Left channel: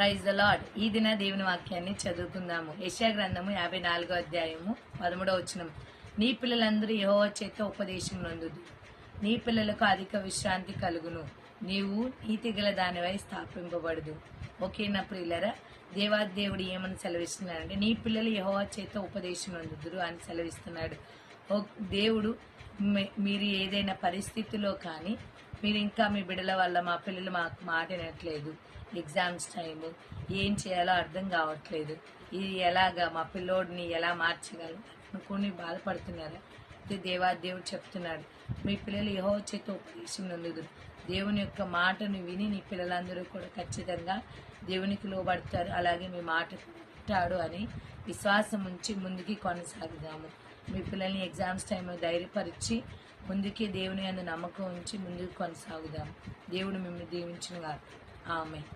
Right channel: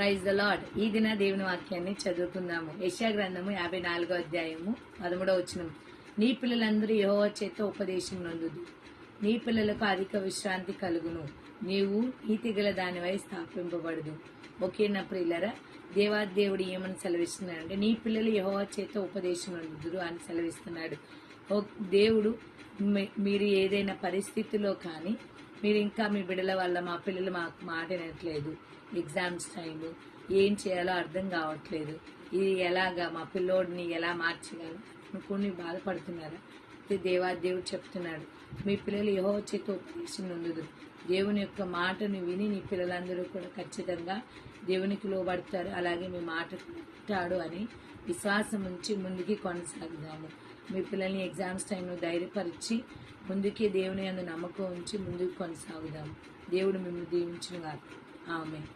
Praise the lord. ఈ దిన దేవుని వాక్యాన్ని చదువుకుందాము. యెషయా గ్రంథము 54వ అధ్యాయము 13వ వచనం. నీ పిల్లలందరూ యెహోవా చేత ఉపదేశం నందుదు, నీ పిల్లలకు అధిక విశ్రాంతి కలుగును, నీవు నీతిగల దానివై స్థాపింపబడదు. ఓకే నా ప్రియులరా, దేవాదేవుడు ఏమని సెలవిస్తున్నాడంటే నీ పిల్లలు యెహోవా చేత ఉపదేశం నందుదురు అని సెలవిస్తున్నాడు. దేవుడు మీరు ఏదైనా పరిస్థితిలో కానీ మీరు ఇంకా మీ బిడ్డల వల్ల మా పిల్లలు మాకు మాట వినట్లేదు, ఎగ్జామ్స్ టైము ఏం చేయాలో అర్థం కావట్లేదు, ఇది ఎలాగా మా పిల్లోడిని ఎలా మార్చగలరు అనుకుని బాధపడుతున్నారా? ఇది దేవుడు చెప్తున్నాడు, మీ పిల్లలు యెహోవా చేత ఉపదేశం నందుదురు. దేవుని యొక్క మాటను విని నీ పిల్లలందరూ కూడా ఖచ్చితంగా దేవునికి లోబడతారు, అలాగే మీ మాట వింటాడు అని విశ్వాసం ఉంచి ముందుకి కొనసాగుదాము. మీ పిల్లల్ని ఎగ్జామ్స్ టైంలో ధైర్యపరిచి ముందుకి దేవుని అందు నమ్మకం ఉంచి ముందుకు కొనసాగుదాం. దేవుడు మిమ్మల్ని దీవించిన వారు. ఆమేన్.